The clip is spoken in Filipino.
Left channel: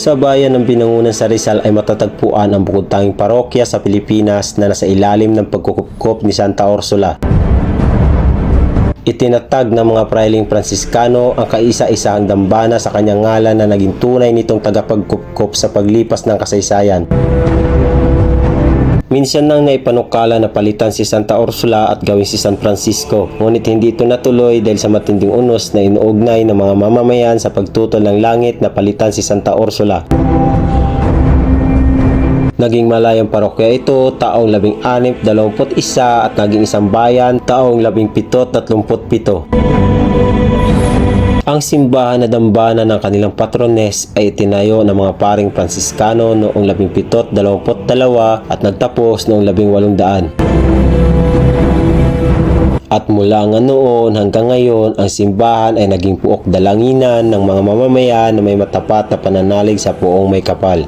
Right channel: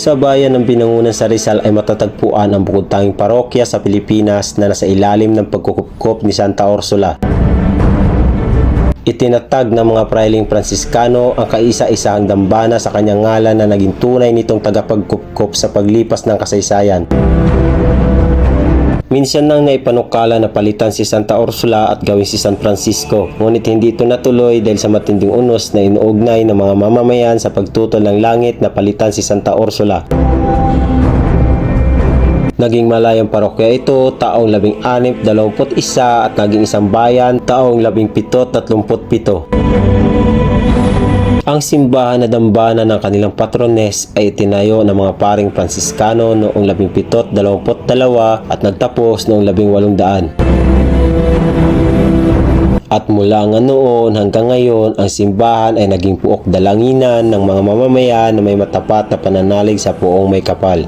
Sa bayan ng Binangonan sa Rizal ay matatagpuan ang bukod-tanging parokya sa Pilipinas na nasa ilalim ng pagkukupkop ni Santa Ursula. Itinatag ng mga prailing Pransiskano ang kaisa-isahang dambana sa kanyang ngalan na naging tunay nitong tagapagkupkop sa paglipas ng kasaysayan. Minsan nang naipanukala na palitan si Santa Ursula at gawin si San Francisco, ngunit hindi ito natuloy dahil sa matinding unos na inuugnay ng mga mamamayan sa pagtutol ng langit na palitan si Santa Ursula. Naging malayang parokya ito taong 1621 at naging isang bayan taong 1737. Ang simbahan na dambana ng kanilang patrones ay itinayo ng mga paring Pransiskano noong 1722 at nagtapos noong 1800. At mula nga noon hanggang ngayon, ang simbahan ay naging puok dalanginan ng mga mamamayan na may matapat na pananalig sa Poong May Kapal.